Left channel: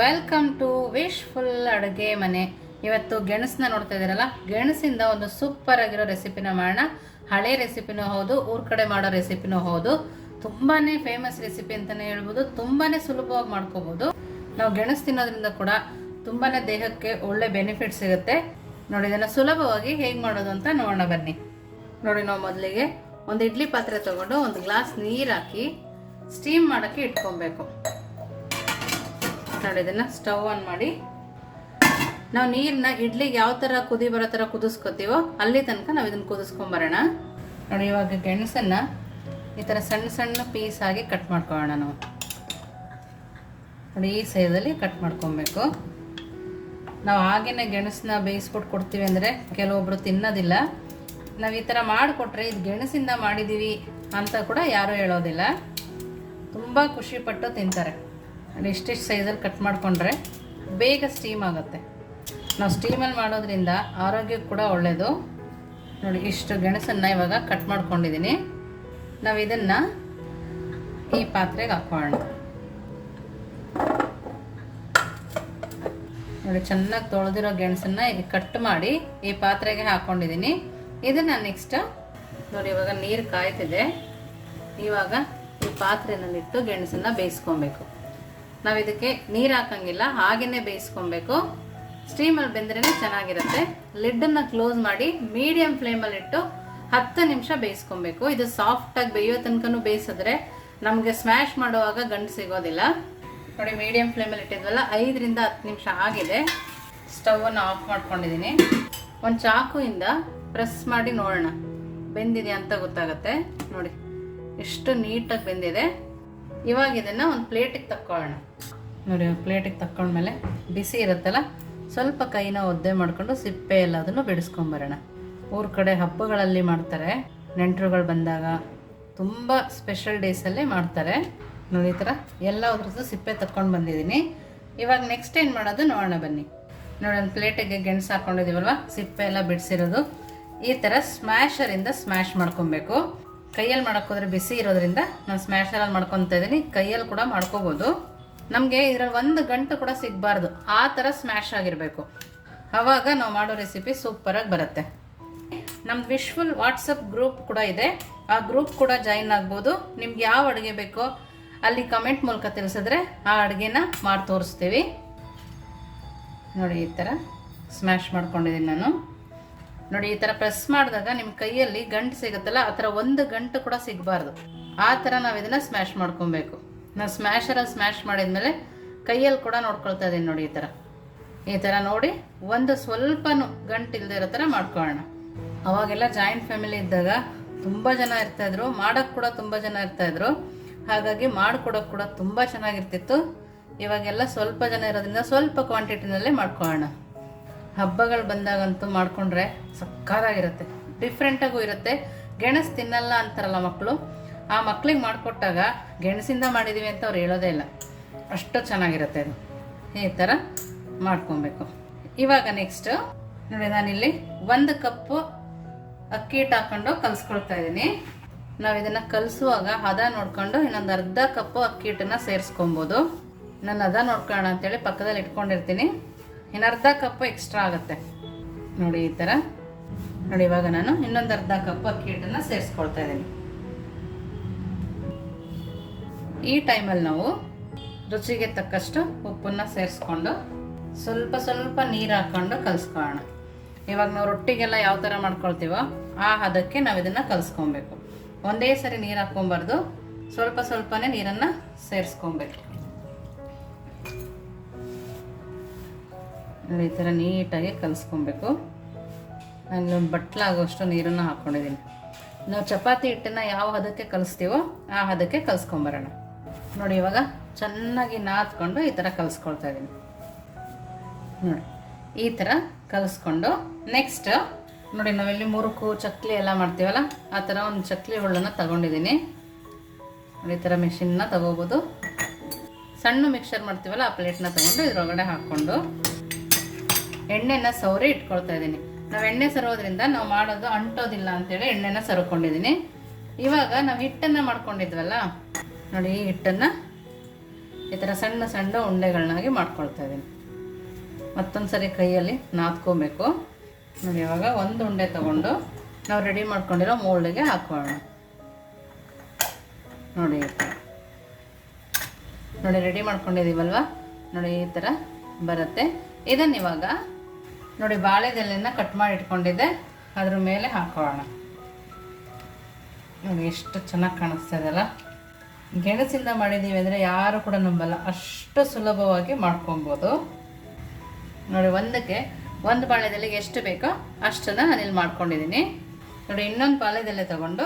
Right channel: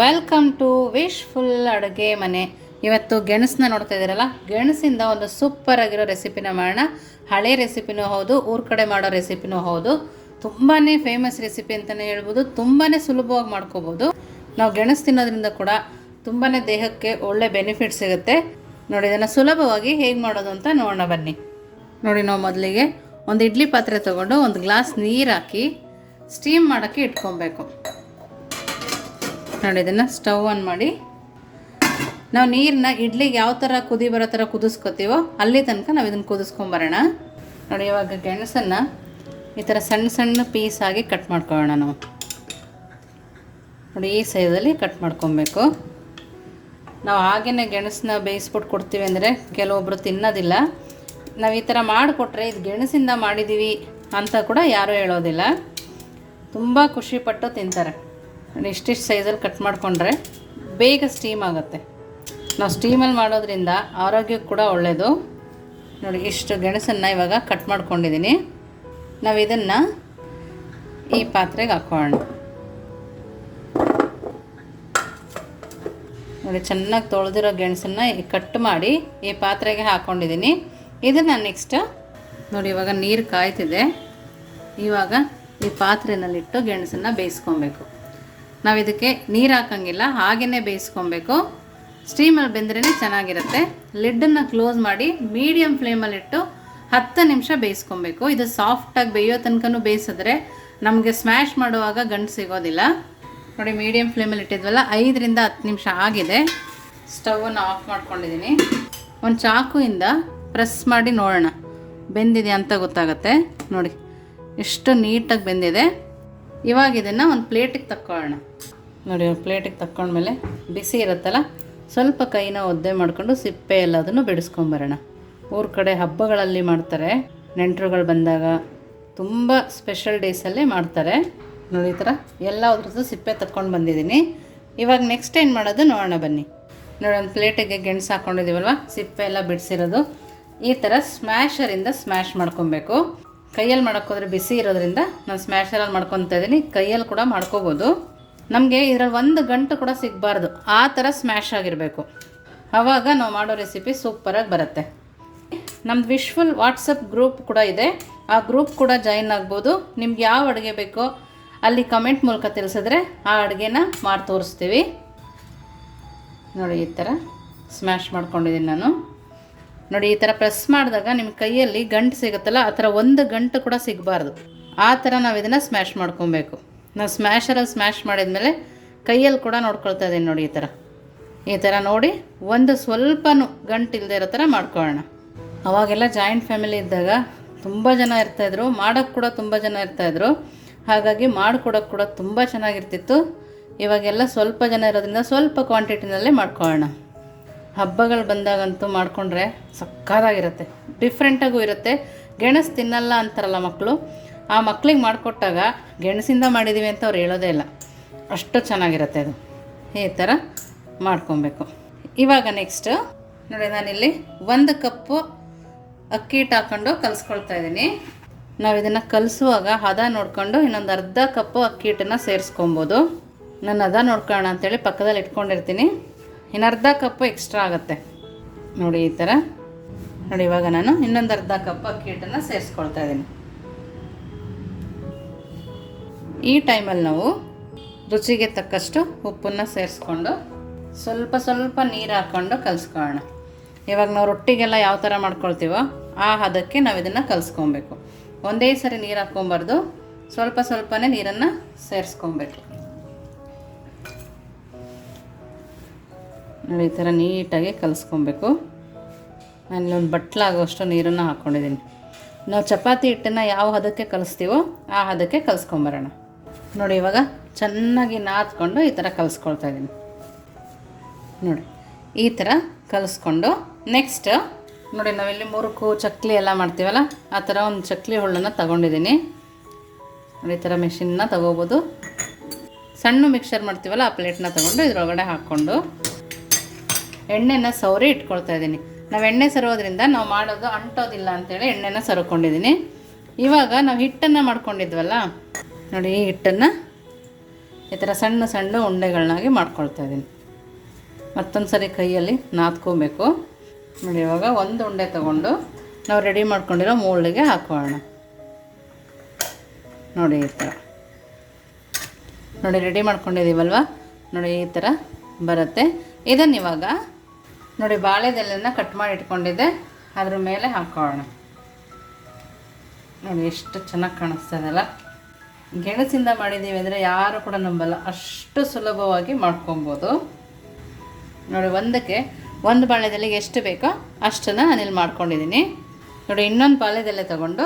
Welcome to wishful ಅಡುಗೆ ಮನೆ. ಇವತ್ತು ಗೆಣಸನ್ನ ನೋಡ್ತಾ ಇದ್ದೀರಲ್ಲ, ಗೆಣಸಿಂದ ಒಂದು ಸೂಪರ್ ಆಗಿರೋ ರೆಸಿಪಿನ ಮಾಡೋಣ. ಹಳೆ ರೆಸಿಪಿನೂ ಹೌದು, ಊರ ಕಡೆ ಮಾಡೋ ರೆಸಿಪಿನೂ ಹೌದು. ತುಂಬಾ ಫೇಮಸ್ ರೆಸಿಪಿ ಅಂತಲೇ ಹೇಳ್ಬೋದು. ತುಂಬಾ ಸುಲಭವಾಗಿ ಮಾಡ್ಕೋಬೋದು. ನಾವು ಗೆಣಸು ತಿನ್ನೋದ್ರಿಂದ ಕೂಡ ತುಂಬಾ ದೇಹಕ್ಕೆ ಒಳ್ಳೆ ಬೆನಿಫಿಟ್ ಸಿಗುತ್ತೆ. ನೋಡಿ, ಇದನ್ನು ಸುಲಭವಾಗಿ ಹೇಗೆ ಮಾಡೋದು ಅಂತ ನೋಡೋಣ ಬನ್ನಿ. ನೋಡಿ, ನಾವು ಮೊದಲಿಗೆ ಒಂದು ಇಡ್ಲಿ ಪಾತ್ರೆ ತೊಗೊಂಡು ಒಂದು ಗ್ಲಾಸ್ ನೀರು ಹಾಕಿ ಸ್ಟೀಮ್ ಮಾಡೋಕ್ಕೆ ಇಟ್ಕೊಬೇಕು. ನೋಡಿ, ಇದನ್ನು ಸ್ಟವ್ ಆನ್ ಮಾಡಿ ನಾವು ನೀರನ್ನ ಇಡ್ಲಿಗೆ ಯಾವ ಥರ ಕುದಿ ಬರೋ ಥರ ಕುದಿಸ್ಕೊತೀವೋ ಅಲ್ಲಿ ತನಕ ನಾವು ಇದನ್ನು ಕುದಿಸ್ಕೊಂಬರೋಣ. ನೋಡಿ, ಇವಾಗ ಗೆಣಸನ್ನು ಈ ಥರ ಸಣ್ಣ ಸಣ್ಣ ಪೀಸ್ ಆಗಿ ಕಟ್ ಮಾಡ್ಕೊಳ್ಳೋಣ. ನಾವು ನೋಡಿ ಈ ಸೈಜಲ್ಲಿ ಕಟ್ ಮಾಡ್ಕೊಬೇಕು. ನಾವು ಹಾಗೇ ಗೆಣಸನ್ನ ಬೇಯಿಸ್ಬಿಟ್ಟು ಕೊಡ್ತೀವಿ ಅಂದರೆ ಕೆಲವೊಬ್ಬರು ತಿನ್ನೋದಿಲ್ಲ. ನಾವು ಈ ಥರ ಮಾಡಿಕೊಟ್ರೆ ಇದು ಗೆಣಸಿಂದ ಮಾಡಿದ್ದೀವಿ ಅಂತ ಕೂಡ ಯಾರೂ ಹೇಳೋದಿಲ್ಲ. ತುಂಬ ಖುಷಿಪಟ್ಟು ತಿಂತಾರೆ. ಇಷ್ಟಿಷ್ಟು ಸೈಜಲ್ಲಿ ಕಟ್ ಮಾಡಿಕೊಂಡ್ರೆ ಬೇಗ ಸ್ಟೀಮ್ ಆಗುತ್ತೆ. ನಾವು ಸ್ಟೀಮಲ್ಲಿ ಮಾಡೋದ್ರಿಂದ ಆರೋಗ್ಯಕ್ಕೆ ಕೂಡ ಒಳ್ಳೆಯದು. ನೋಡಿ, ಇಷ್ಟು ಗೆಣಸನ್ನು ಇವಾಗ ಕಟ್ ಮಾಡ್ಕೊಂಡಿದ್ದೀನಿ. ನಾವು ಇದನ್ನು ಈ ಪಾತ್ರೆಗೆ ಹಾಕೋಣ. ನೋಡಿ, ಚೆನ್ನಾಗಿ ತೊಳೆದಿರೋ ಗೆಣಸನ್ನು ಕಟ್ ಮಾಡಿ ಈ ಪಾತ್ರೆಗೆ ಹಾಕ್ಕೊಂಡಿದ್ದೀನಿ. ಇದನ್ನು ನೆಕ್ಸ್ಟ್ ನೋಡಿ, ಇವಾಗ ನೀರು ಕಾಯ್ತಿದೆ. ಇವಾಗ ಈ ಪಾತ್ರೆನಲ್ಲಿಟ್ಟು ಗೆಣಸನ್ನು ಬೇಯಿಸ್ಕೊಬೇಕು. ನಾವು ಇದಕ್ಕೆ ನೀರು ಹಾಕೋಂಗಿಲ್ಲ, ಹಾಗೆಯೇ ಬೇಯಿಸ್ಕೊಬೇಕು. ಸ್ಟೀಮಲ್ಲಿ ಬೆಂದ್ರೇ ಚೆನ್ನಾಗಿರುತ್ತೆ. ಲಿಡ್ಡನ್ನು ಕ್ಲೋಸ್ ಮಾಡಿ ಮೀಡಿಯಮ್ ಫ್ಲೇಮಲ್ಲಿಟ್ಟು 10 ನಿಮಿಷ ಬೇಯಿಸ್ಕೊಬೇಕು. ಇದು ಸಾಫ್ಟಾಗಿ ಬೇಯೋ ತನಕನೂ ಬೇಯಿಸಿದ್ರೆ ನಮಗೆ ಸ್ಮ್ಯಾಶ್ ಮಾಡುವಾಗ ಗಂಟು ಸಿಗೋದಿಲ್ಲ. ನೋಡಿ, ಮೀಡಿಯಮ್ ಫ್ಲೇಮಲ್ಲಿ ಇಟ್ಟಿದ್ವಲ್ಲ, 5ರಿಂದ 10 ನಿಮಿಷ ಆಗಿದೆ. ಸ್ಟವನ್ನು ಆಫ್ ಮಾಡ್ಕೊಂಡಿದ್ದೀನಿ. ಒಂದು ಚಾಕುಯಿಂದ ಪ್ರೆಸ್ ಮಾಡಿ ನೋಡೋಣ ಬೆಂದಿದೆ ಅಂತ ಗೊತ್ತಾಗುತ್ತೆ. ನೋಡಿ, ಎಷ್ಟು ನೀಟಾಗಿ ಬೆಂದಿದೆ. ಇವಾಗ ಇದನ್ನು ಒಂದು ಪ್ಲೇಟಿಗೆ ತಕ್ಕೊಳ್ಳೋಣ. ನೋಡಿ, ಒಂದು ಪ್ಲೇಟಿಗೆ ತಕ್ಕೊಂಡ್ಮೇಲೆ ಬಿಸಿ ಇರುತ್ತಲ್ಲ, ಸ್ವಲ್ಪ ಕೈನ ಒದ್ದೆ ಮಾಡ್ಕೊಂಡು ಸಿಪ್ಪೆ ಎಲ್ಲದನ್ನು ಬಿಡಿಸ್ಕೊಂಬರೋಣ. ಊರ ಕಡೆ ಹಬ್ಬಗಳಲ್ಲಿ ಮಾಡ್ತಾರೆ, ನೆಂಟರುಗಳು ಬಂದಾಗ, ತುಂಬ ಸ್ಪೆಷಲ್ ಡೇಸಲ್ಲೇ ಮಾಡ್ತಾರೆ. ನೋಡಿ, ಈ ಥರ ಎಲ್ಲ ಅದ್ರದ್ದು ಸಿಪ್ಪೆ ತಕ್ಕೊಂಡು ಬಂದಿದ್ದೀನಿ. ಇವಾಗ ನೆಕ್ಸ್ಟ್ ಏನು ಮಾಡೋದು ನೋಡೋಣ ಬನ್ನಿ. ನೋಡಿ, ಒಂದು ಪ್ಲೇಟಿಗೆ ಗೆಣಸು ಹಾಕ್ಕೊಂಡಿದ್ದೀವಲ್ವ, ಸಿಪ್ಪೆ ಎಲ್ಲ ಬಿಡಿಸಿರೋದು ಈ ಥರ ಸ್ಮ್ಯಾಶರಿಂದ ಸ್ಮ್ಯಾಶ್ ಮಾಡ್ಕೊಬೇಕು. ಕೈಯಲ್ಲಿ ಮಾಡೋಕ್ಕೋದ್ರೆ ಬಿಸಿ ಇರೋದ್ರಿಂದ ನಾನು ಸ್ಮ್ಯಾಶರಲ್ಲಿ ಮಾಡ್ಕೊತಾ ಇದ್ದೀನಿ. ಕೈಯಲ್ಲಿ ಕೂಡ ಮಾಡ್ಕೋಬೋದು. ನಮಗೆ ಇದರಲ್ಲಿ 1 ಗಂಟು ಕೂಡ ಸಿಗಬಾರ್ದು, ಆ ಥರ ಸ್ಮ್ಯಾಶ್ ಆಗಿರಬೇಕು. ಆವಾಗ ನಾವು ಮಾಡೋ ರೆಸಿಪಿ ಸೂಪರಾಗಿ ಬರುತ್ತೆ. ನಮ್ಮದು ವಿಶ್ಫುಲ್ ವಾಟ್ಸಪ್ ಗ್ರೂಪ್ ಕೂಡ ಇದೆ. ಆ ಗ್ರೂಪ್ ಕೂಡ ಜಾಯಿನ್ ಆಗ್ಬೋದು. ನಿಮ್ಗೆ ಯಾವ ಅಡುಗೆ ಬೇಕೋ ಅಲ್ಲಿ ಕಮೆಂಟ್ ಮೂಲಕ ತಿಳಿಸಿದ್ರೆ ಆ ಅಡುಗೆನ ಮಾಡಿ ತೋರಿಸ್ತೀವಿ. ನೋಡಿ, ಈ ಥರ ಸ್ಮ್ಯಾಶ್ ಮಾಡ್ಕೊಂಡಿದ್ದೀನಿ ನಾನು. ನೋಡಿ, ಈ ಥರ ಪ್ರೆಸ್ ಮಾಡಿದಾಗ ನಿಮ್ಮ ಕೈಯಲ್ಲಿ ಗಂಟು ಸಿಗುತ್ತಲ್ಲ, ಆ ಥರ 1 ಗಂಟು ಕೂಡ ಸಿಗಬಾರ್ದು. ಆ ಥರ ನಾವು ಇದನ್ನು ಸ್ಮ್ಯಾಶ್ ಮಾಡ್ಕೊಬೇಕು. ನಾವು ಸ್ಮ್ಯಾಶರಲ್ಲಿ ಸ್ಮ್ಯಾಶ್ ಮಾಡಿದ್ಮೇಲೆ ಕೈಯಲ್ಲಿ ಕೂಡ ನೋಡ್ಕೊಳ್ತಾ ಇದ್ದೀನಿ. ನೋಡಿ, ಈ ಥರ ನೋಡಿ ಒಂದು ಸ್ವಲ್ಪನೂ ಗಂಟು ಇಲ್ಲದೆ ಇರೋ ಥರ ಮಾಡ್ಕೊಳ್ಳೋಣ. ಅವಾಗೆಲ್ಲ ಜಾಯಿಂಟ್ ಫ್ಯಾಮಿಲಿ ಇದ್ದಾಗ ತುಂಬ ಜನ ಇರ್ತಾಯಿದ್ರು, ಮಾಡೋಕ್ಕೆ ಕೂಡ ತುಂಬ ಜನ ಇರ್ತಾಯಿದ್ರು. ಹಾಗಾಗಿ ಮಾಡಿಕೊಡೋಕ್ಕೆ ಕೂಡ ತುಂಬ ಚೆನ್ನಾಗಿರ್ತಿತ್ತು. ಇವಾಗೆಲ್ಲ ಸ್ವಲ್ಪ ಜನ ಇರೋದ್ರಿಂದ ಸ್ವಲ್ಪ ಕ್ವಾಂಟಿಟಿನಲ್ಲೇ ಮಾಡ್ಕೊಳ್ಳೋಣ. ಹಬ್ಬಗಳು ಬಂದಾಗಂತೂ ಮಾಡಿಕೊಂಡ್ರೆ ಸಕ್ಕತ್ತಾಗಿರುತ್ತೆ, ಡಿಫ್ರೆಂಟಾಗೂ ಇರುತ್ತೆ. ಗೆಣಸು ತಿನ್ನಲ್ಲ ಅಂತಾರಲ್ಲ ಮಕ್ಕಳು, ಆ ಮಕ್ಳಿಗೆ ಮಾಡಿಕೊಟ್ಟಾಗ ಗೆಣಸಿಂದ ಮಾಡಿದ್ದೀವಿ ಅಂತ ಅವ್ರು ಹೇಳೋದೇ ಇಲ್ಲ, ಅಷ್ಟು ಚೆನ್ನಾಗಿರುತ್ತೆ. ಅದು ಈ ಥರ ಮಾಡ್ಕೊಬೇಕು. ಇವಾಗ ನೆಕ್ಸ್ಟ್ ನೋಡಿ, ನಾನಿಲ್ಲಿ 1 ಕಪ್ಪು ಅಕ್ಕಿ ಹಿಟ್ಟು ಹಾಕ್ಕೊಂಡು ಕಲಿಸ್ಕೊಳ್ತಾ ಇದ್ದೀನಿ. ನಾವು ಇದನ್ನು ಕಲಿಸುವಾಗ ಹದ ನೋಡಿಕೊಂಡು ಇನ್ನೊಂದು ಅರ್ಧ ಕಪ್ಪು ಅಕ್ಕಿ ಹಿಟ್ಟನ್ನು ಸೇರಿಸ್ಕೊಬೋದು. ನಾನು ಹದ ನೋಡ್ಕೊಳ್ಳೋಣ ಅಂತೇಳಿ ಪಕ್ಕದಲ್ಲಿ ಇಟ್ಕೊಂಡಿರ್ತೀನಿ. ಇನ್ನು ಅರ್ಧ ಕಪ್ಪು ಎಕ್ಸ್ಟ್ರಾ ಆಗುತ್ತೆ. ನೋಡಿ, ಈ ಥರ ನೋಡಿ. ಇವಾಗ ನಾನು ಇನ್ನೊಂದು ಅರ್ಧ ಕಪ್ ಅಕ್ಕಿ ಹಿಟ್ಟನ್ನು ಸೇರಿಸ್ಕೊಳ್ತಾ ಇದ್ದೀನಿ. ಈ ಟೈಮಲ್ಲಿ ನಾವು ರುಚಿಗೆ ತಕ್ಕಷ್ಟು ಉಪ್ಪನ್ನು ಸೇರಿಸ್ಕೊಂಡು ಸ್ವಲ್ಪ ಸ್ವಲ್ಪ ನೀರು ಹಾಕ್ಕೊಂಡು ಕಲಿಸ್ಕೊಳ್ಳೋಣ. ಇವಾಗ ನಾವು ರೊಟ್ಟಿಗೆಲ್ಲ ಯಾವ ಥರ ಮಾಡ್ಕೊಳ್ತೀವೋ ಆ ಹದಕ್ಕೆ ನಾವು ಇದನ್ನು ಕಲಿಸ್ಕೊಬೇಕು. ಒಂದೇ ಸರಿ ನೀರು ಹಾಕ್ಕೊಬಾರ್ದು, ಸ್ವಲ್ಪ ಸ್ವಲ್ಪನೇ ನೀರನ್ನು ಸೇರಿಸ್ಕೊಬೇಕು. ನೋಡಿ, ಈ ಥರ ನೀಟಾಗಿ ಕಲಿಸ್ಕೊಬೇಕು. ನಾನೊಂದು ಬಟ್ಲಾಗುವಷ್ಟು ನೀರನ್ನು ಹಾಕ್ಕೊಂಡಿದ್ದೀನಿ. ನಾವು ಚಪಾತಿ ಹಿಟ್ಟನ್ನು ಯಾವ ಹದಕ್ಕೆ ಕಲಿಸ್ತೀವೋ ಆ ಹದಕ್ಕೆ ಕಲಿಸ್ಕೊಂಬರೋಣ. ನೋಡಿ, ಇವಾಗ ಚೆನ್ನಾಗಿ ನಾದ್ಕೊಂಡು ಈ ಥರ ಕಲಿಸ್ಕೊಳ್ತಾ ಇದ್ದೀನಿ. ನೋಡಿ, ಈ ಥರ ಕಲಿಸ್ಕೊಂಡು ನೆಕ್ಸ್ಟ್ ನೋಡಿ, ನಾವಿಲ್ಲಿ ಮುರುಕು ಚಕ್ಲಿ ಎಲ್ಲ ಮಾಡ್ತೀವಲ್ಲ, ಆ ಥರ ಒಂದು ಚಕ್ಲಿ ಹುಳ್ಳನ್ನು ತಗೊಂಡಿದ್ದೀನಿ. ನೋಡಿ, ಈ ಥರ ಮೆಷಿನ್ನ ತಗೋಬೋದು. ಸಣ್ಣ ಮಿಕ್ಸರ್ ಮಾಡ್ತೀವಲ್ಲ, ಆ ಪ್ಲೇಟ್ನ ತಗೊಂಡು ಇದ್ರೊಳಗಡೆ ಹಾಕ್ಕೊಂಡು ಎಣ್ಣೆನ ಸವರಿ ಇಟ್ಕೊಳ್ತಾ ಇದ್ದೀನಿ. ನಾವು ಎಣ್ಣೆ ಸರೋದ್ರಿಂದ ನಾವು ಮಾಡೋದು ಅಂಟೋದಿಲ್ಲ ಅಂತೇಳಿ ಎಣ್ಣೆನ ಸರ್ಕೊಂಡಿದ್ದೀನಿ. ಇವಾಗ ನಾವು ಹಿಟ್ಟನ್ನು ಮಾಡ್ಕೊಂಡಿದ್ವಲ್ಲ, ನೋಡಿ, ಈ ಹಿಟ್ಟನ್ನು ಈ ಥರ ಸಣ್ಣ ಸಣ್ಣ ಉಂಡೆಗಳನ್ನಾಗಿ ಮಾಡ್ಕೊಳ್ತಾ ಇದ್ದೀನಿ. ಮತ್ತೊಂದು ಸರಿ ಕೈಯಲ್ಲಿ ನಾದ್ಕೋಬೇಕು ನೋಡಿ. ಇವಾಗ ಒಂದು ಉಂಡೆ ತಗೊಂಡು ನಾವು ರೆಡಿ ಮಾಡ್ಕೊಂಡಿರೋ ಮೋಲ್ಡಿಗೆ ಹಾಕೋಣ ನೋಡಿ. ಈ ಥರ ನೋಡಿ ರೆಡಿ ಮಾಡ್ಕೊಂಡಿದ್ದೀವಲ್ವ ನೋಡಿ, ಈ ಥರ ಬರುತ್ತೆ. ಇದನ್ನು ಇವಾಗ ನೋಡಿ ಬಾಳೆದೆಲೆನ ಕಟ್ ಮಾಡಿ ಇಟ್ಕೊಂಡಿದ್ದೆ ಅದ್ರ ಮೇಲೆ ಹಾಕೋಣ ನೋಡಿ. ಎಷ್ಟು ಚೆನ್ನಾಗಿ ಕಾಣಿಸ್ತಾ ಇದೆಯಲ್ಲ. ಗೆಣಸಿಂದ ಮಾಡಿದ್ದೀವಿ ಅಂದರೆ ಯಾರು ಕೂಡ ನಂಬಲ್ಲ, ಅಷ್ಟು ಸುಲಭವಾಗಿ ಮಾಡ್ಕೊಬೋದು ನೋಡಿ. ಒಂದು ಬಾಳೆದೆಲೆಗೆ ಎಷ್ಟು ಬೇಕೋ ಅಷ್ಟನ್ನು ನಾನಿಲ್ಲಿ ಮಾಡ್ಕೊಂಡಿದ್ದೀನಿ ನೋಡಿ. ಇನ್ನೊಂದು ಬಾಳೆದೆಲೆ ತೊಗೊಂಡು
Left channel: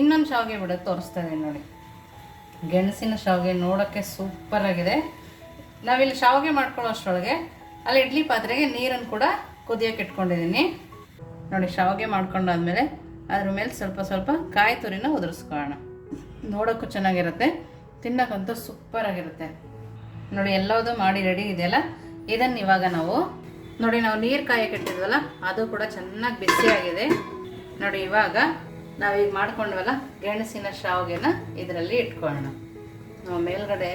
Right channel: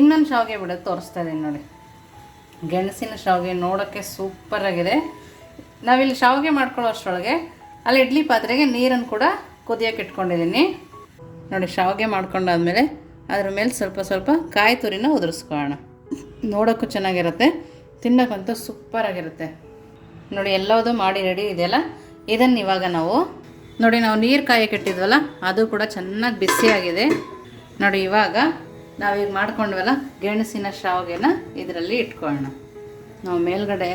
ಇನ್ನೊಂದು ಶಾವಿಗೆ ಬಿಡೋದು ತೋರಿಸ್ತಾ ಇದ್ದೀನಿ ನೋಡಿ. ಗೆಣಸಿನ ಶಾವಿಗೆ ನೋಡೋಕ್ಕೆ ಸೂಪರಾಗಿದೆ. ನಾವಿಲ್ಲಿ ಶಾವಿಗೆ ಮಾಡ್ಕೊಳ್ಳೋ ಅಷ್ಟರೊಳಗೆ ಅಲ್ಲಿ ಇಡ್ಲಿ ಪಾತ್ರೆಗೆ ನೀರನ್ನು ಕೂಡ ಕುದಿಯೋಕೆ ಇಟ್ಕೊಂಡಿದ್ದೀನಿ ನೋಡಿ. ಶಾವಿಗೆ ಮಾಡ್ಕೊಂಡಾದ್ಮೇಲೆ ಅದ್ರ ಮೇಲೆ ಸ್ವಲ್ಪ ಸ್ವಲ್ಪ ಕಾಯಿ ತುರಿನ ಉದುರಿಸ್ಕೊಳ್ಳೋಣ. ನೋಡೋಕ್ಕೂ ಚೆನ್ನಾಗಿರುತ್ತೆ, ತಿನ್ನೋಕ್ಕಂತೂ ಸೂಪರಾಗಿರುತ್ತೆ ನೋಡಿ. ಎಲ್ಲದೂ ಮಾಡಿ ರೆಡಿ ಇದೆಯಲ್ಲ. ಇದನ್ನು ಇವಾಗ ನಾವು ನೋಡಿ ನೀರು ಕಾಯಕ್ಕೆ ಇಟ್ಟಿದ್ವಲ್ಲ ಅದು ಕೂಡ ಚೆನ್ನಾಗಿ ಬಿಸಿಯಾಗಿದೆ ನೋಡಿ. ಇವಾಗ ನಾವೀಗ ಮಾಡ್ಕೊಂಡ್ವಲ್ಲ ಗೆಣಸಿನ ಶಾವಿಗೆನ ಇದರಲ್ಲಿ ಇಟ್ಕೊಳ್ಳೋಣ. ನಾವು ಮೇಲ್ಗಡೆ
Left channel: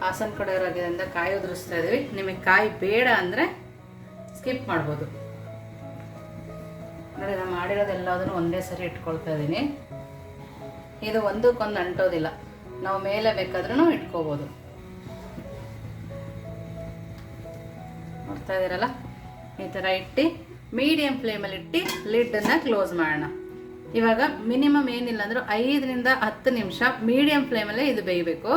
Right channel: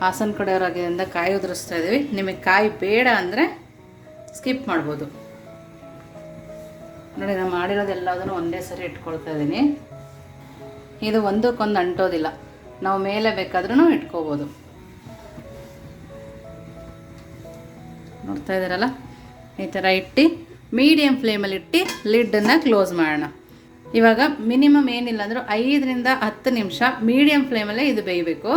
ಹಾಸನ ಕಡೆಯವರಾಗಿದ್ದರಿಂದ ಕಾಯಿ ಉದುರಿಸ್ತಾ ಇದ್ದೀವಿ. ನಿಮಗೆ ಕಾಯಿ ಬೇಡ ಅಂದರೆ ಸ್ಕಿಪ್ ಮಾಡ್ಬೋದು ನೋಡಿ. ನಾನು ಮಾಡಿರೋದೆಲ್ಲದನ್ನು ಒಂದೇ ಸರಿ ಇಟ್ಕೊಳ್ತಾ ಇದ್ದೀನಿ. ಇದು ಒಂದಕ್ಕೊಂದು ಅಂಟೋದಿಲ್ಲ, ನಾವು ಮೇಲೆ ಬೇಕಾದ್ರೂ ಇಟ್ಕೋಬೋದು. ನೋಡ್ತಾ ಇದ್ದೀರಲ್ಲ, ಈ ಥರ ಇಟ್ಟು ಮೀಡಿಯಮ್ ಫ್ಲೇಮಲ್ಲಿ ಇಟ್ಟು ಲಿಡ್ಡನ್ನು ಕ್ಲೋಸ್ ಮಾಡೋಣ. ಇವಾಗ ಮಿನಿಮಮ್ ಏನಿಲ್ಲ ಅಂದರೂ 5 ರಿಂದ 10 ನಿಮಿಷ ಮೀಡಿಯಮ್ ಫ್ಲೇಮಲ್ಲೇ ಇದು ಬೇಯಬೇಕು.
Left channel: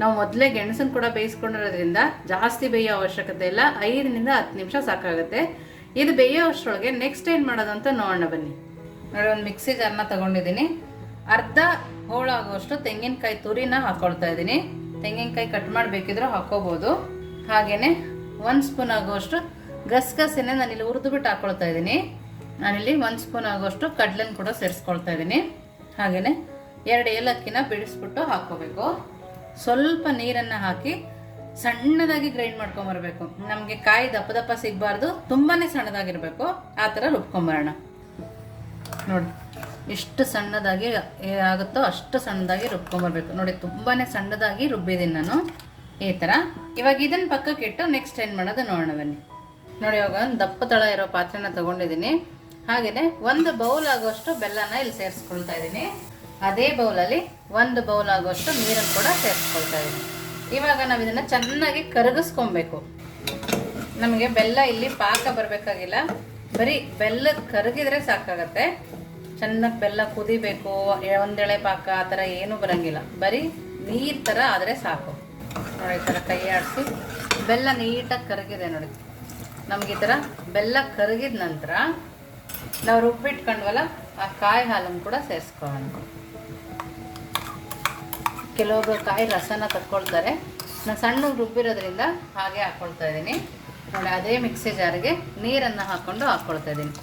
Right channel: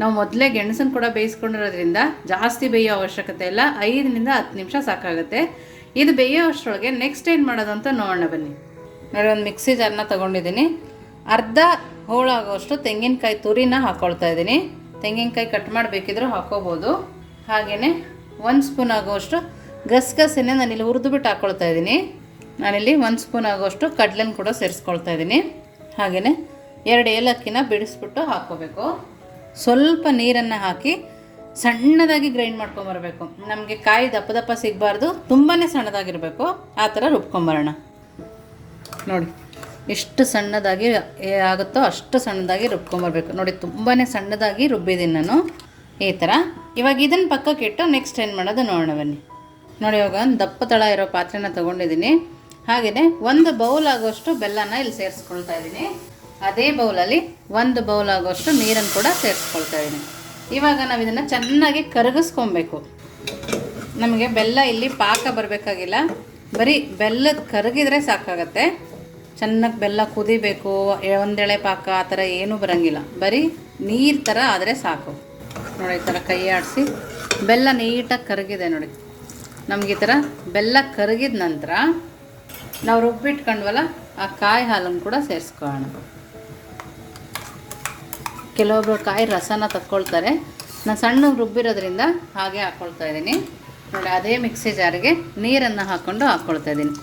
ನಾವು ಮೊದಲೇ ಗೆಣಸನ್ನು ಕೂಡ ಬೇಯಿಸ್ಕೊಂಡಿರೋದ್ರಿಂದ ಜಾಸ್ತಿ ಬೇಯೋ ಅವಶ್ಯಕತೆ ಇಲ್ಲ, 5 ರಿಂದ 10 ನಿಮಿಷ ಸಾಕಾಗುತ್ತೆ. ಇದು ಬೇಯೋ ಅಷ್ಟರೊಳಗೆ ನೆಕ್ಸ್ಟ್ ಏನು ಮಾಡೋದು ಅಂತ ನೋಡೋಣ ಬನ್ನಿ ನೋಡಿ. ಒಂದು ಮಿಕ್ಸಿ ಜಾರನ್ನ ತೊಗೊಂಡಿದ್ದೀನಿ. ಅರ್ಧ ಹೋಳಾಗೋಷ್ಟು ತೆಂಗಿನಕಾಯಿ ತುರಿನ ಹಾಕ್ಕೊಳ್ತಾ ಇದ್ದೀನಿ. ತೆಂಗಿನಕಾಯಿ ಕಟ್ ಮಾಡಬೇಕಿದ್ರೂ ಹಾಕೋಬೋದು. ಹಾಗೆಯೇ 1 ಸ್ಪೂನ್ ಆಗೋಷ್ಟು ಗಸಗಸೆನೇ ನಾನಿಲ್ಲಿ ಹುರಿದುಬಿಟ್ಟು ಹಾಕ್ಕೊಳ್ತಾ ಇದ್ದೀನಿ. ನಾನಿಲ್ಲಿ 1 ಸ್ಪೂನ್ ಆಗೋಷ್ಟು ಕಡಲೆನ ಕೂಡ ಸೇರಿಸ್ಕೊಳ್ತಾ ಇದ್ದೀನಿ. ಹಾಗೆಯೇ 2 ಏಲಕ್ಕಿನ ಬಿಡಿಸ್ಬಿಟ್ಟು ಹಾಕ್ಕೋಬೇಕು. ಸ್ವಲ್ಪ ನೀರನ್ನು ಹಾಕಿ ಸಣ್ಣದಾಗಿ ಗ್ರೈಂಡ್ ಮಾಡ್ಕೊಂಬರ್ಬೇಕು. ನಮಗೆ ಕಾಯಿ ದಪ್ಪ ದಪ್ಪ ಸಿಗಬಾರ್ದು, ತುಂಬಾ ಸಣ್ಣದಾಗಿರಬೇಕು. ಆ ಥರ ರುಬ್ಕೊಂಬರೋಣ ನೋಡಿ. ಎಷ್ಟು ಸಣ್ಣದಾಗಿ ಆಗುತ್ತೋ ಅಷ್ಟು ಸಣ್ಣದಾಗಿ ರುಬ್ಕೊಂಬರ್ಬೇಕು ನೋಡಿ. ತುಂಬಾ ಸಣ್ಣದಾಗಿ ರುಬ್ಬಿದ್ದೀನಿ ನಾನು ಈ ಥರ. ಇವಾಗ ಇದನ್ನು ಪಕ್ಕಕ್ಕೆ ಇಟ್ಟು ನೆಕ್ಸ್ಟ್ ಏನು ಮಾಡೋದು ನೋಡೋಣ ಬನ್ನಿ ನೋಡಿ. ಇವಾಗ ಒಂದು ದಪ್ಪ ತಳ ಇರೋ ಪಾತ್ರೆನ ತೊಗೊಂಡಿದ್ದೀನಿ. ಹಾಗೆಯೇ 1 ಬೌಲ್ ಆಗೋಷ್ಟು ಬೆಲ್ಲನ ಇಲ್ಲಿ ಸೇರಿಸ್ಕೊಳ್ತಾ ಇದ್ದೀನಿ. ಅದೇ ಬೌಲಲ್ಲಿ 1 ಬೌಲ್ ಆಗೋಷ್ಟು ನೀರನ್ನು ಕೂಡ ಸೇರಿಸ್ಕೊಳ್ತಾ ಇದ್ದೀನಿ. ಇವಾಗ ನಾವು ಇದನ್ನು ಚೆನ್ನಾಗಿ ಕರಗಿಸ್ಕೊಬೇಕು. ನಮಗೆ ಬೆಲ್ಲ ಇಲ್ಲಿ ಪಾಕ ಬರಬೇಕಾಗಿಲ್ಲ, ಬರೀ ಬೆಲ್ಲದ ಕರಗಿದ್ರೆ ಸಾಕಾಗತ್ತೆ. ಚೆನ್ನಾಗಿ ಬೆಲ್ಲ ಕುದಿಬೇಕು, ಒಂದೆಳೆ ಪಾಕ ಆ ಥರ ಏನೂ ಬರೋಂಗಿಲ್ಲ, ಬರೀ ನೀರು ಥರ ಆದರೆ ಸಾಕು ನೋಡಿ. ಈ ಥರ ಕೈ ಆಡಿಸಿ ಬೆಲ್ಲ ನೀಟಾಗಿ ಕರಗಿದೆ ನೋಡಿ. ನಮಗೆ ಈ ಥರ ಬೆಲ್ಲ ಕರಗಿದ ನಂತರ ನಾವು ರುಬ್ಬಿಟ್ಕೊಂಡ್ವಲ್ಲ ಆ ಕಾಯಿ ಹಾಲನ್ನು ಕೂಡ ಸೇರಿಸ್ಕೊಳ್ಳೋಣ. ಕೆಲವೊಬ್ಬರು ಕಾಯಿ ರಸನ ತಕ್ಕೊಳ್ತಾರೆ, ನಾನು ಸಣ್ಣ ರುಬ್ಬಿರೋದ್ರಿಂದ ಹಾಗೆ ಹಾಕ್ಕೊಳ್ತಾ ಇದ್ದೀನಿ ನೋಡಿ. ಅದೇ ಮಿಕ್ಸಿ ಜಾರಿಗೆ ನೀರನ್ನು ಹಾಕ್ಕೊಳ್ತಾ ಇದ್ದೀನಿ.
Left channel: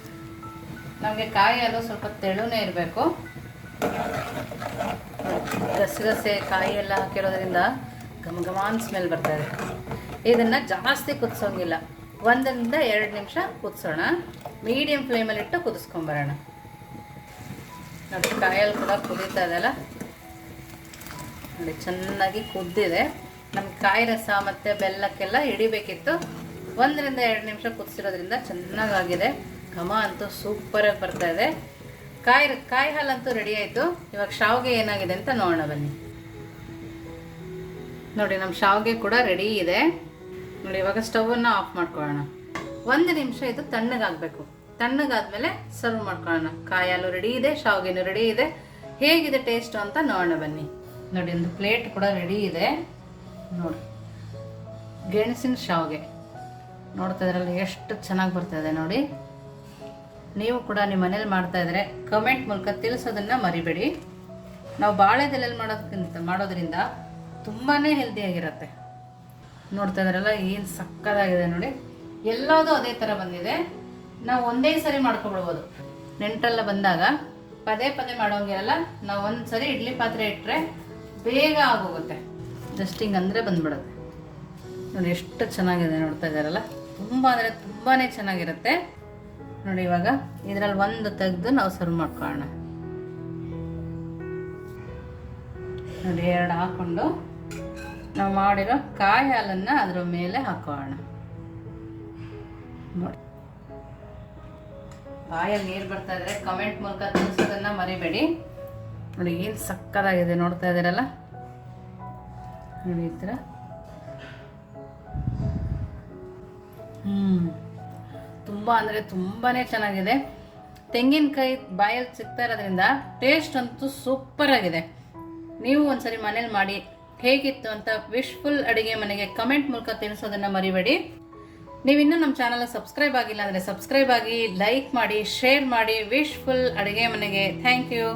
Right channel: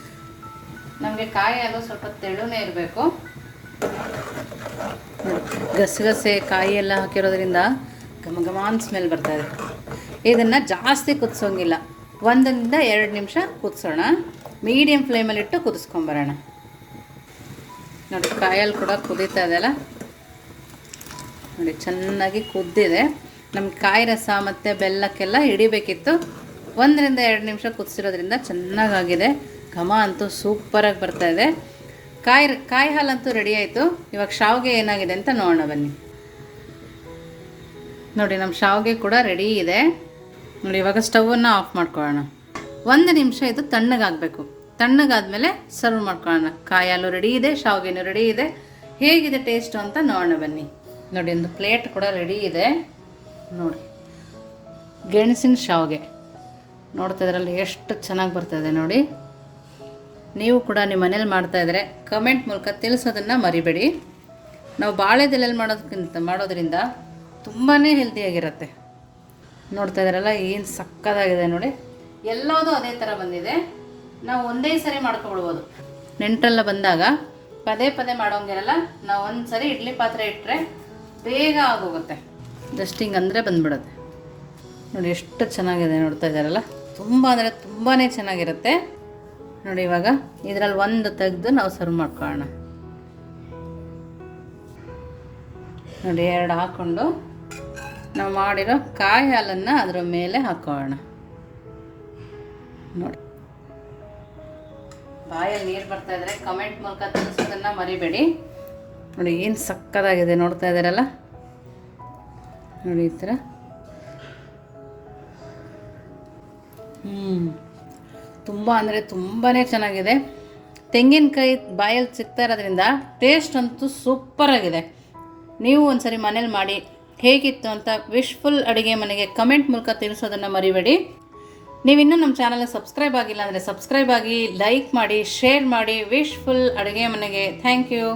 ನಮಗೆ ಕಾಯಿ ಹಾಲು ಸ್ವಲ್ಪ ತೆಳುನೇ ಇರಬೇಕು. ಗಸಗಸೆ ಕಾಯಿ ಎಲ್ಲ ಹಾಕಿರೋದ್ರಿಂದ ಘಮ ಘಮಾನ್ ಸ್ಮೆಲ್ ಬರ್ತಾಯಿದೆ. ಇದನ್ನು ಜಾಸ್ತಿ ಕುದಿಸೋಂಗಿಲ್ಲ, 1 ರಿಂದ 2 ನಿಮಿಷ ಕುದಿಸೋಣ. ಮೀಡಿಯಮ್ ಫ್ಲೇಮಲ್ಲಿಟ್ಟು ಕುದಿಸ್ಕೊಂಬರೋಣ ನೋಡಿ. ಕಾಯಲ್ಲಿ ಕೂಡ ಕುದೀತಾ ಇದೆಯಲ್ಲ ನೋಡಿ, ಚೆನ್ನಾಗಿ ಕುದ್ದಿದೆ. ನಮ್ಮ ಕಾಯಿ ರಸ ಮತ್ತು ಬೆಲ್ಲಕ್ಕೆಲ್ಲ ಹಿಡಿಬೇಕಿತ್ತು. 1 ರಿಂದ 2 ನಿಮಿಷ ಕುದಿಸಿರೋದ್ರಿಂದ ಚೆನ್ನಾಗಾಗಿದೆ. ಘಮ ಅಂತೂ ಸೂಪರಾಗಿ ಬರ್ತಾಯಿದೆ. ಕಾಯಿ ಹಾಲಂತೂ ರೆಡಿ ಆಯಿತು. ಇವಾಗ ಶಾವಿಗೆ ಏನಾಗಿದೆ ಅಂತ ನೋಡೋಣ ಬನ್ನಿ ನೋಡಿ. ನಮ್ಮ ಶಾವಿಗೆ ಕೂಡ ರೆಡಿ ಇದೆ ನೋಡಿ. ಇವಾಗ ಸ್ಟವನ್ನು ಆಫ್ ಮಾಡ್ಕೊಳ್ಳೋಣ. 1 ನಿಮಿಷ ಇದು ತಣ್ಣಗಾಗಬೇಕು. ತಣ್ಣಗಾದ್ಮೇಲೆ ಸರ್ವ್ ಮಾಡ್ಕೊಳ್ಳೋಣ. ಕಾಯಿ ಹಾಲು ರೆಡಿ ಇದೆ, ಶಾವಿಗೆನೂ ರೆಡಿ ಇದೆ. ಹೇಗಿದೆ ಟೇಸ್ಟು ಅಂತ ನೋಡೋಣ ಬನ್ನಿ ನೋಡಿ. ಒಂದು ಪ್ಲೇಟ್ ಕೂಡ ರೆಡಿ ಇದೆ ನೋಡಿ. ಗೆಣಸಿನ ಶಾವಿಗೆ ನೋಡ್ತಾ ಇದ್ರಲ್ಲಿ ಎಷ್ಟು ಚೆನ್ನಾಗಿ ಬರ್ತಾಯಿದೆ ನೋಡಿ. ನೀವು ಕೂಡ ನಿಮ್ಮ ಮನೇಲಿ ಮಾಡ್ತಾಯಿದ್ರೆ ಕಮೆಂಟ್ ಮೂಲಕ ತಿಳಿಸೋದನ್ನು ಮರಿಬೇಡಿ. ನಾವು ಬಾಳೆದೆಲೆಯಲ್ಲಿ ಮಾಡೋದ್ರಿಂದ ತುಂಬಾ ಹೆಲ್ದಿಯಾಗಿರುತ್ತೆ. ನೋಡ್ತಾ ಇದ್ದಾರಲ್ಲ ಏನು ಸಕ್ಕತ್ತಾಗಿದೆ ನೋಡಿ. ಎಲ್ಲದೂ ಅದೇ ಥರ ಬಂದಿದೆ. ನಾವು ಒಂದೇ ಸರಿ ಮಾಡ್ಕೊಬಿಡ್ಬೋದು. ನೆಂಟರೆಲ್ಲ ಬಂದಾಗ ಪದೇ ಪದೇ ಮಾಡೋಂಗಿರಲ್ಲ. ನಾವು ಒಂದು ಸರಿ ಇಡ್ಲಿ ಪಾತ್ರೆ ಇಟ್ಟರೆ ಬೇಗ ಆಗೋಗುತ್ತೆ. ಜಸ್ಟ್ ಹಿಂಗೆ ಅಂದರೆ ಬಂದ್ಬಿಡುತ್ತೆ ನೋಡಿ. ಎಷ್ಟು ಚೆನ್ನಾಗಿದೆ ನೋಡ್ತಾ ಇದ್ದಾರಲ್ಲ. ತುಂಬ ಅಂದರೆ ತುಂಬಾ ಚೆನ್ನಾಗಿರುತ್ತೆ ನೋಡಿ. ಇವಾಗ ಇದರಲ್ಲಿ ಒಂದು ತೆಗೆದು ನಾವು ಸರ್ವ್ ಮಾಡ್ಕೊಳ್ಳೋಣ ನೋಡಿ. 2 ಹಾಕ್ಕೊಂಡು ನಾವು ಮಾಡಿರೋ ಕಾಯಿ ಹಾಲನ್ನು ಅದರ ಮೇಲೆ ಹಾಕೋಣ. ನೋಡಿ, ಬಾಯಲ್ಲಿ ನೀರು ಬರ್ತಾ ಇದ್ರೆ ಕಮೆಂಟ್ ಮೂಲಕ ತಿಳಿಸೋದನ್ನು ಮರಿಬೇಡಿ. ನೋಡಿ ಏನು ಸಕ್ಕತ್ತಾಗಿದೆ, ನೋಡ್ತಾ ಇದ್ದೀರಲ್ಲ, ನೋಡಿ ಈ ಥರ. ತುಂಬ ಅಂದರೆ ತುಂಬಾ ಚೆನ್ನಾಗಿದೆ. ತೆಂಗಿನಕಾಯಿ ಬಾಯಲ್ಲಿ ಸಿಗ್ತಾ ಇರೋದ್ರಿಂದ ಟೇಸ್ಟ್ ಅಂತೂ ಸೂಪರಾಗಿದೆ. ನೀವು ಒಂದ್ಸರಿ ಮನೇಲಿ ಮಾಡಿ ಹೇಗಿತ್ತು ಅಂತ ವಿಶ್ಫುಲ್ ಅಡುಗೆ ಮನೆಗೆ ಕಮೆಂಟ್ ಮೂಲಕ ತಿಳಿಸೋದನ್ನು ಮರಿಬೇಡಿ. ನೀವಿನ್ನೂ ನಮ್ಮ ಚಾನಲ್ಗೆ ಸಬ್ಸ್ಕ್ರೈಬ್ ಆಗಿಲ್ಲ ಅಂದರೆ ಸಬ್ಸ್ಕ್ರೈಬ್ ಆಗಿ, ಲೈಕ್ ಮಾಡಿ, ಶೇರ್ ಮಾಡಿ. ವಿಶ್ಫುಲ್ ಅಡುಗೆ ಮನೆಗೆ ಥ್ಯಾಂಕ್ ಯು.